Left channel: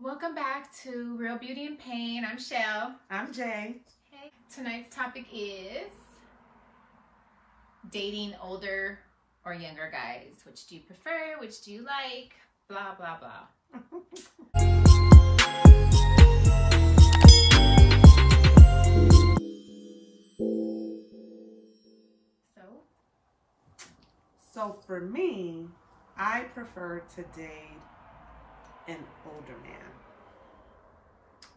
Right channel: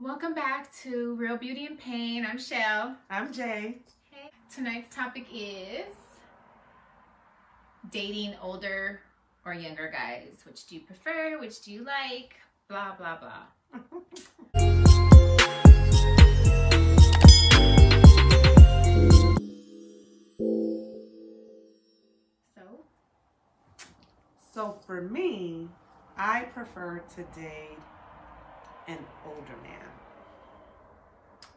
Welcome back to Real Beauty and Pain. I'm Shell. I'm Jay. Hey. Tonight's topic is dating older or younger guys. Which do you prefer? Which do you like? Blah, blah, blah. So for me, I prefer to date an older man.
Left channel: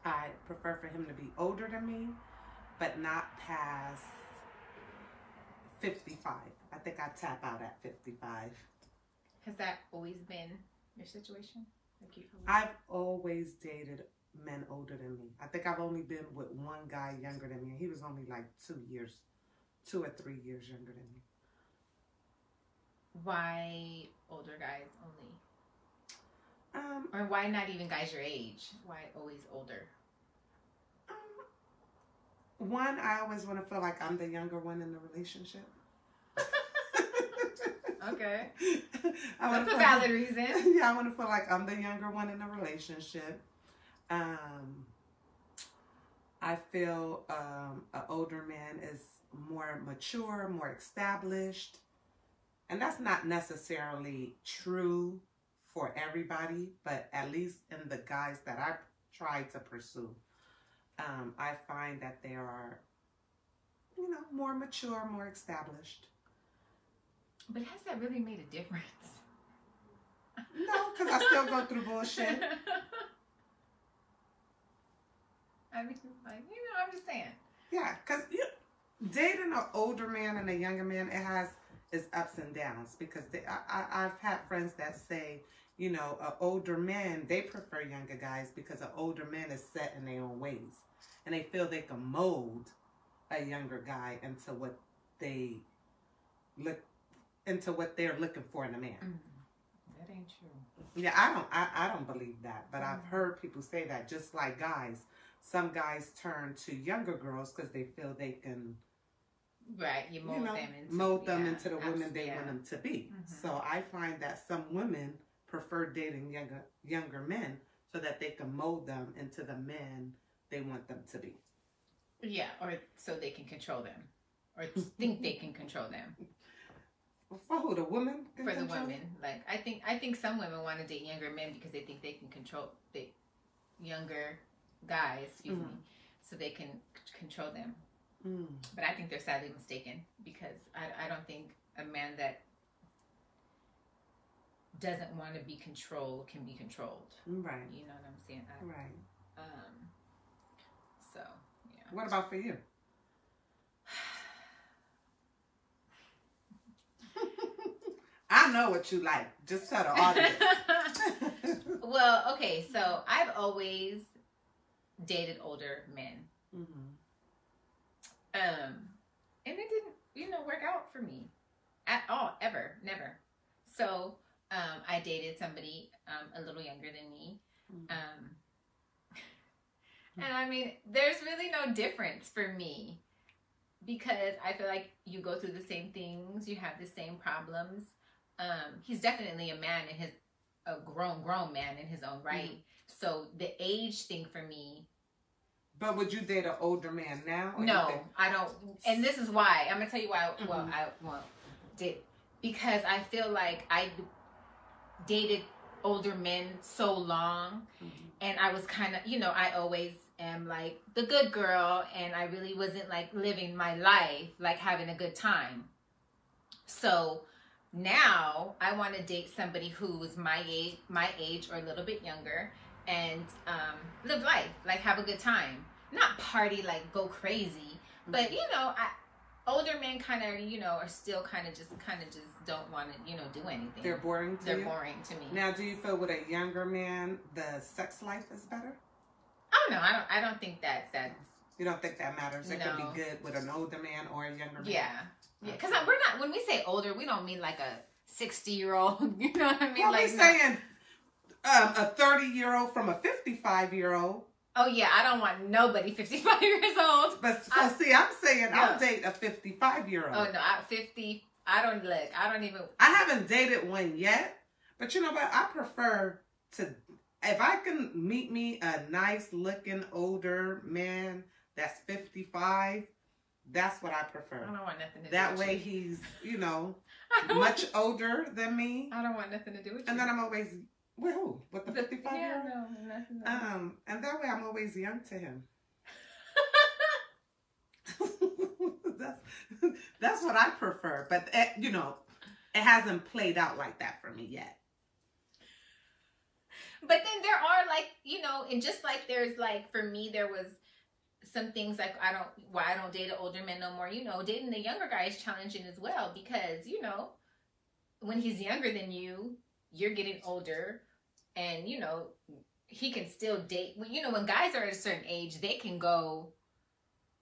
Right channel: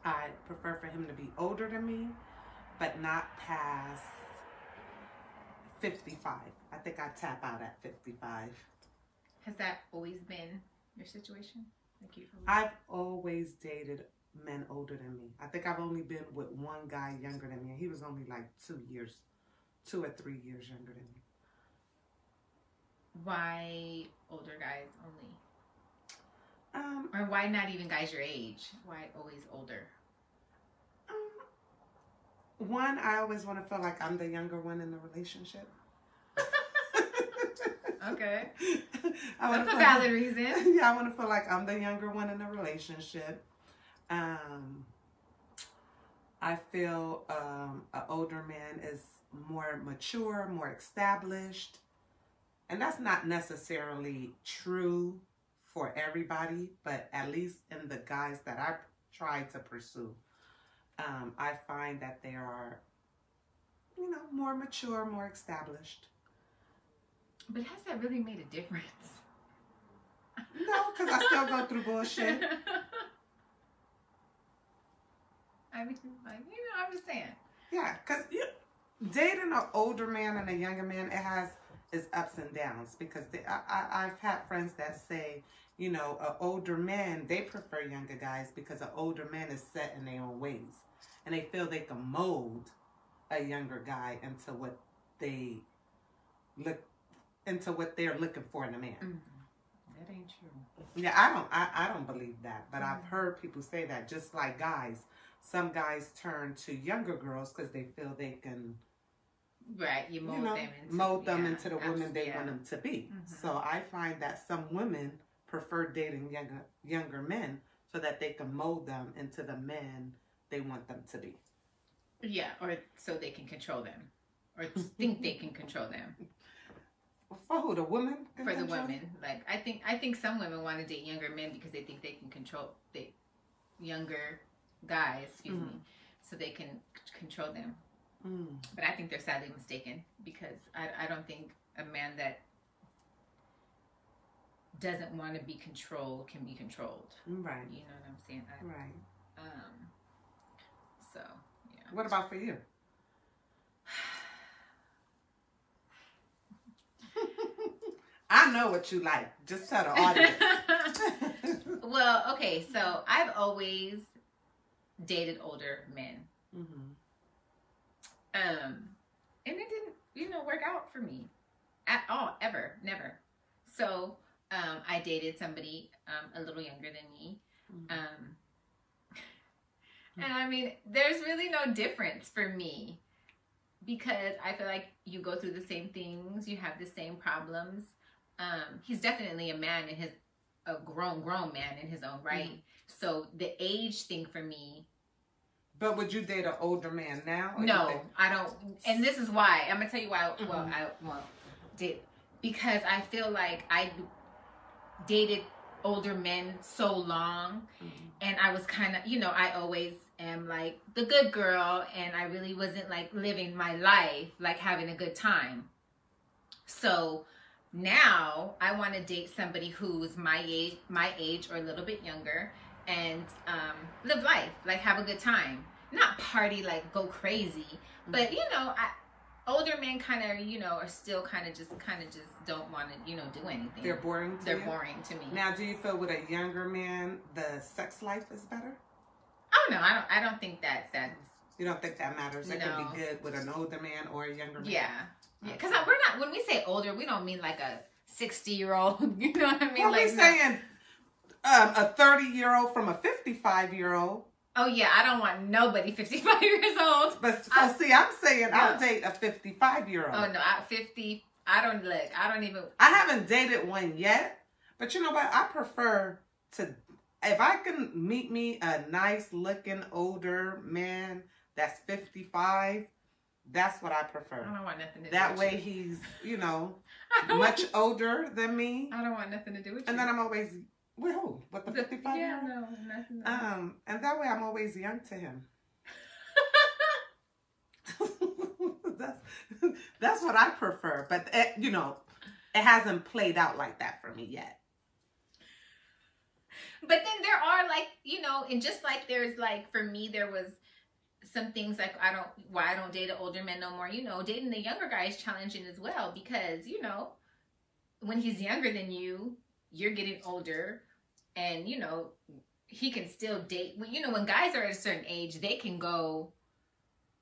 I prefer for him to be older than me, but not past 55. I think I tap out at 55. Has that always been your situation? I've always dated men older than me. I think I've only been with one guy younger than me. He was only like 2 or 3 years younger than me. Why older guys only? Or why not even guys your age? Why always older? One, I always want to feel like I'm the younger one in the relationship. Okay. That's a valid reason. Yeah, I want to feel like I'm the younger one in the relationship. I feel an older man is more mature, more established. And that's not necessarily true for everybody, but at least in the guys that I try to pursue, I find that they are, more mature, more established. But has that really made a difference? No, because I still go through bullshit. I mean, I'm just saying. Yeah, because dating an older man and a younger man, it has its ups and downs. Because I've had friends that say, an older man, they prefer younger guys because an older man is set in their own ways. And they feel they can mold a younger guy into what they're looking for in a man. That ain't true. Yeah, I don't believe that. But I've heard people say that, just like guys. Some guys turn to younger girls because they feel they can, right, you mold them into the women they want them to be. So I find that some women prefer dating younger men so that they can mold them into the men they want them to be. Yeah, or so they can control them, or think they can control them. For who? The women? For the women, like I think some women want to date younger men because they think they can control the younger guys, so they can control them. But I think they're sadly mistaken, because I don't think a man that doesn't want to be controlled can be controlled. Right. You know what I'm saying? Right. So, yeah. What about for you? I know what you like. Just tell the audience. Well, okay. So I've always dated older men. And it didn't, work out for me at all, ever, never. So, I dated somebody, a little younger than me. And I mean, there's really no difference for me, because I feel like you go through the same things, you have the same problems. He's definitely a grown man in his own right. So the age thing for me. But would you date an older man now? No, I don't. And this is why. I'm going to tell you why. Well, I won't date. Because I feel like I dated older men so long. And I was kind of, I always am like the good girl. And I really wasn't like living my life, like having a good time. So now I want to date somebody who's my age or a little bit younger, and live life, like have a good time, not party, like go crazy. But older men kind of are still kind of just don't want to do anything. They're boring to you? They're boring to me. Now, do you feel with a younger man the sex life is better? Oh no, I don't think that's. You don't think that matters? It could be good with an older man or a younger man. Yeah. Yeah, because we're not, when we say older, we don't mean like a 60-year-old, you know what I mean? Well, like, we're saying a 30-year-old from a 55-year-old. Oh, yeah, I don't want nobody 55 years old. But, I'm saying I'll date a 55-year-old. Oh, no, I don't even. I haven't dated one yet, but you know what? I prefer to if I can meet me a nice looking older man that's 55, that's what I prefer. I don't want nothing to do that with way you. he's, you know, much older than me. I don't want nothing to do with you. And then I'm always, with who? With the 55 year old? No, nothing. And that way I'm always young to him. That's what I prefer. But, you know, it hasn't played out like that for me yet. But then there are, like, you know, and just like there's, like, for me, there was some things like why I don't date an older man no more. You know, dating the younger guy is challenging as well because, you know, when he's younger than you, you're getting older and, you know, he can still date. You know, when guys are at a certain age, they can go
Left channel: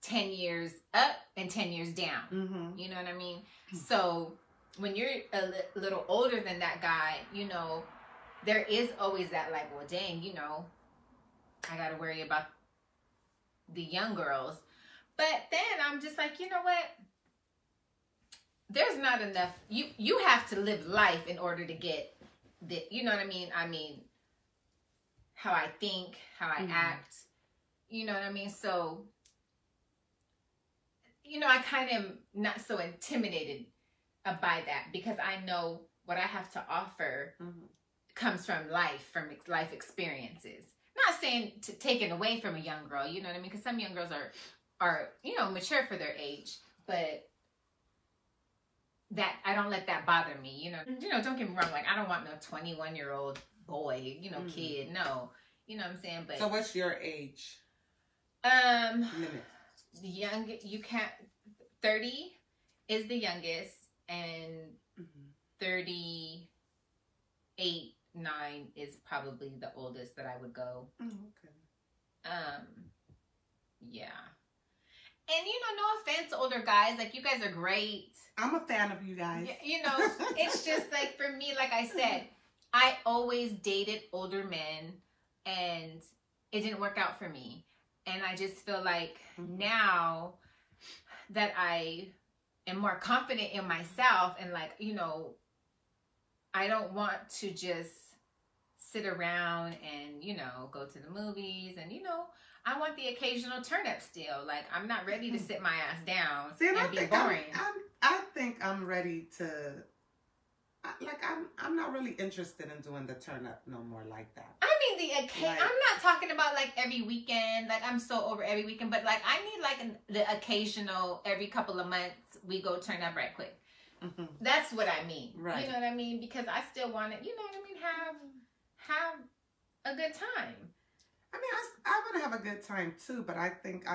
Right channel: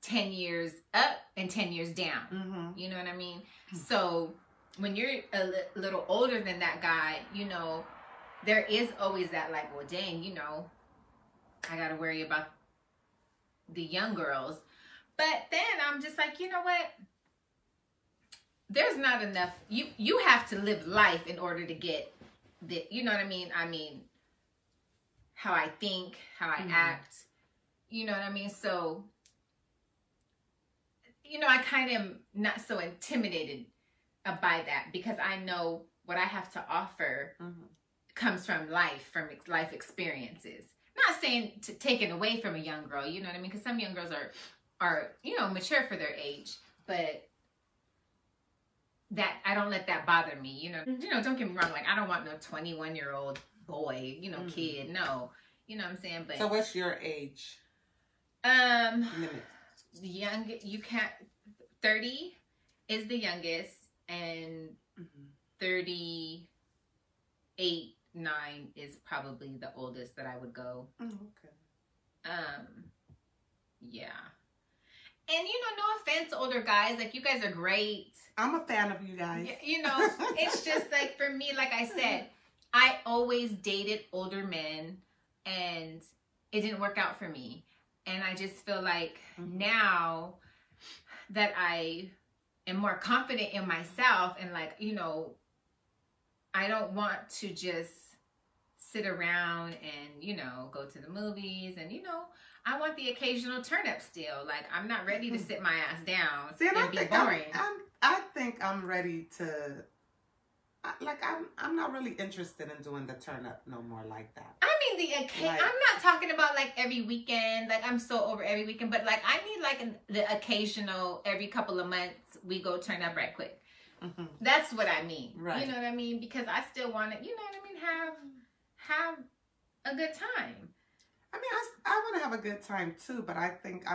10 years up and 10 years down. Mm-hmm. You know what I mean? So when you're a little older than that guy, you know, there is always that like, well, dang, you know, I got to worry about the young girls. But then I'm just like, you know what? There's not enough. You have to live life in order to get the, you know what I mean? I mean, how I think, how I act, you know what I mean? So, you know, I kind of am not so intimidated by that because I know what I have to offer comes from life experiences. Not saying to take it away from a young girl, you know what I mean? Because some young girls are, you know, mature for their age, but that I don't let that bother me, you know. You know, don't get me wrong, like I don't want no 21-year-old boy, you know, kid, no. You know what I'm saying? But so what's your age? Young, you can't, 30 is the youngest, and 38, 9 is probably the oldest that I would go. Okay. Yeah. And, you know, no offense to older guys. Like, you guys are great. I'm a fan of you guys. You know, it's just like, for me, like I said, I always dated older men, and it didn't work out for me. And I just feel like now that I am more confident in myself and, like, you know, I don't want to just sit around and, you know, go to the movies and, you know, I want the occasional turn up still. Like, I'm not ready to sit my ass down and be boring. I think I'm ready to, like, I'm not really interested in doing the turn up no more like that. I mean, I'm not talking about, like, every weekend. Like, I'm so over every weekend. But, like, I need, like, the occasional, every couple of months, we go turn up right quick. That's what I mean. Right. You know what I mean? Because I still want to, you know what I mean, have a good time. I mean, I want to have a good time too, but I think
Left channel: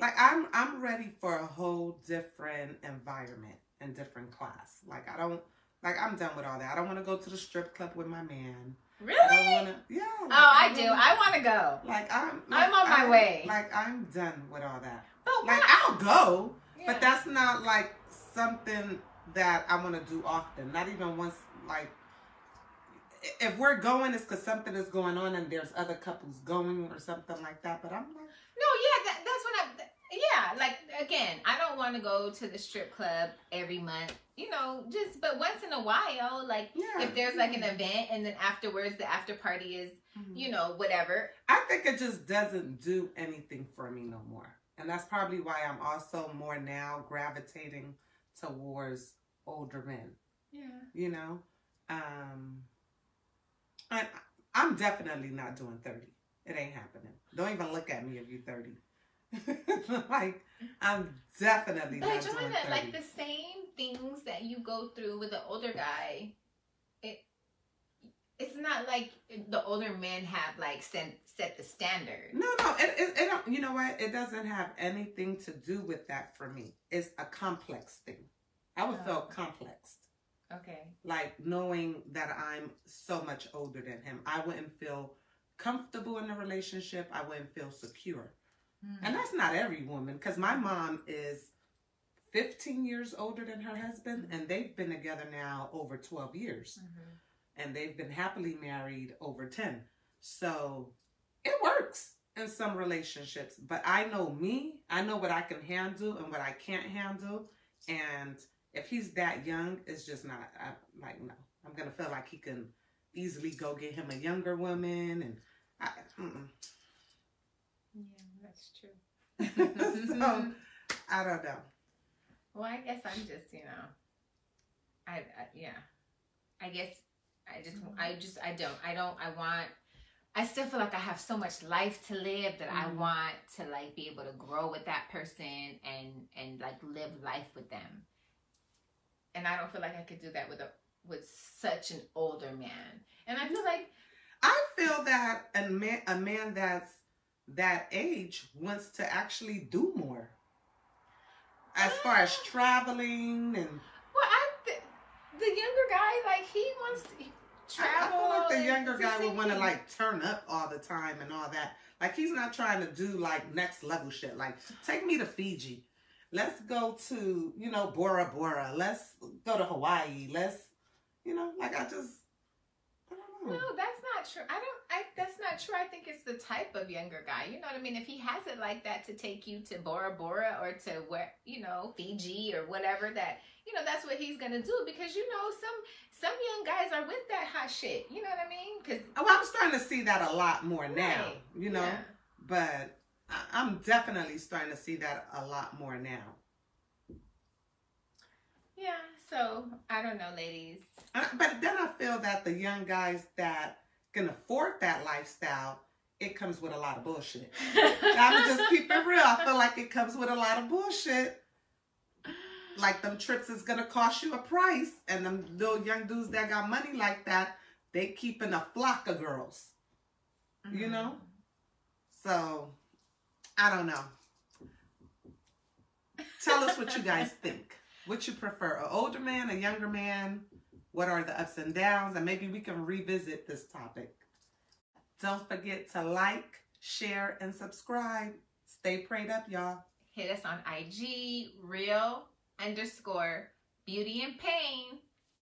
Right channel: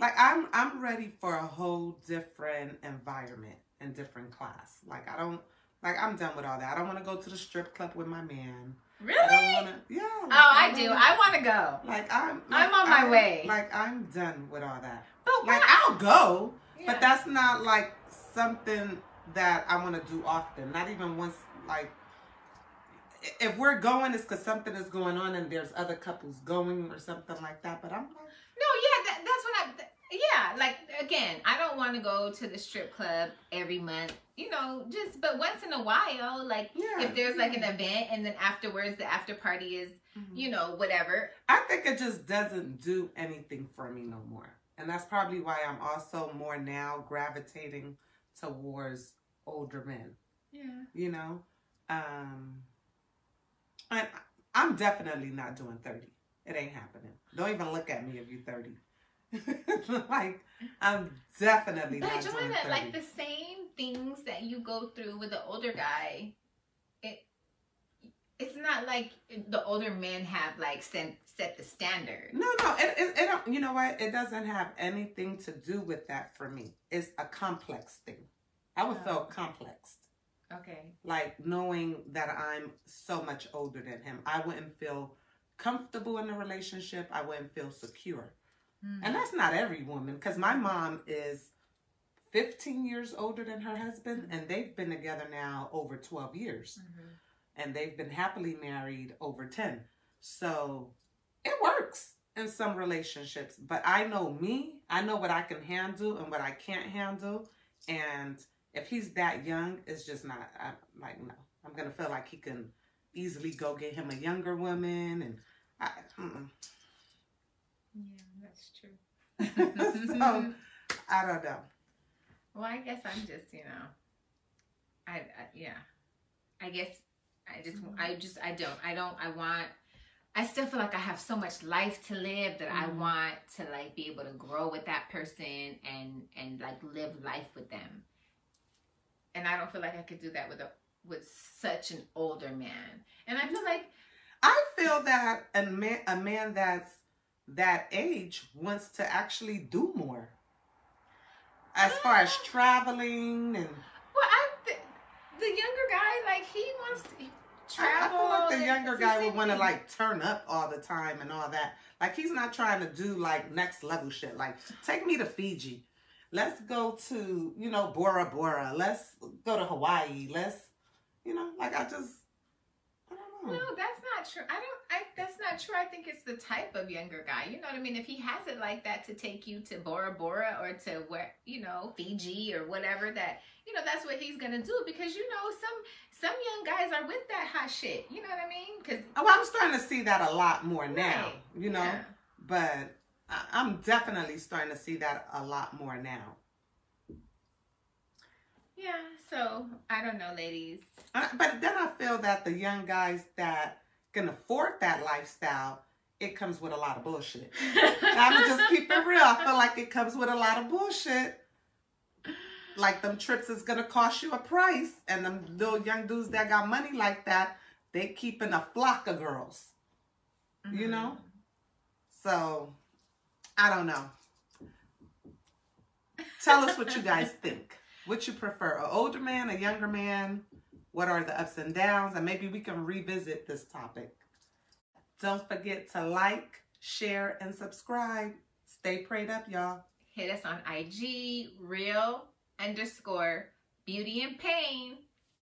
I'm ready for a whole different environment and different class. Like I'm done with all that. I don't want to go to the strip club with my man. Really? I don't want to. Yeah. Like, I do. I want to go. I'm on my way. Like I'm done with all that. But like I'll go, yeah. But that's not like something that I want to do often. Not even once. Like if we're going, it's because something is going on and there's other couples going or something like that. But I'm like, no, yeah, that's what like, again, I don't want to go to the strip club every month, you know, but once in a while, like, if there's, like, an event and then afterwards the after party is, you know, whatever. I think it just doesn't do anything for me no more. And that's probably why I'm also more now gravitating towards older men. Yeah. You know? And I'm definitely not doing 30. It ain't happening. Don't even look at me if you're 30. Like, I'm definitely not doing 30. But like the same things that you go through with the older guy, it's not like the older men have, like, set the standard. No, it don't. You know what? It doesn't have anything to do with that for me. It's a complex thing. I would feel complexed. Okay. Like, knowing that I'm so much older than him, I wouldn't feel comfortable in the relationship. I wouldn't feel secure. And that's not every woman, because my mom is 15 years older than her husband, and they've been together now over 12 years. And they've been happily married over 10. So it works in some relationships. But I know me. I know what I can handle and what I can't handle. And if he's that young, it's just not, I'm like, no. I'm going to feel like he can easily go get him a younger woman, and yeah, that's true. So I don't know. Well, I guess I'm just, I still feel like I have so much life to live that I want to like be able to grow with that person and like live life with them. And I don't feel like I could do that with such an older man. And I feel that a man that's that age wants to actually do more. As far as traveling and... Well, the younger guy, like, he wants to travel. I feel like the younger guy would want to, like, turn up all the time and all that. Like, he's not trying to do, like, next level shit. Like, take me to Fiji. Let's go to, Bora Bora. Let's go to Hawaii. Let's, like, I don't know. No, that's not true. That's not true. I think it's the type of younger guy. You know what I mean? If he has it like that to take you to Bora Bora or to where, Fiji or whatever, that, that's what he's going to do, because, some young guys are with that hot shit. You know what I mean? I'm starting to see that a lot more now, Yeah. But I'm definitely starting to see that a lot more now. Yeah, so I don't know, ladies. But then I feel that the young guys that can afford that lifestyle, it comes with a lot of bullshit. I'm just keep it real. I feel like it comes with a lot of bullshit. Like, them trips is going to cost you a price. And them little young dudes that got money like that, they keeping a flock of girls. So, I don't know. Tell us what you guys think. What you prefer, an older man, a younger man? What are the ups and downs? And maybe we can revisit this topic. Don't forget to like, share, and subscribe. Stay prayed up, y'all. Hit us on IG, real_beauty and pain.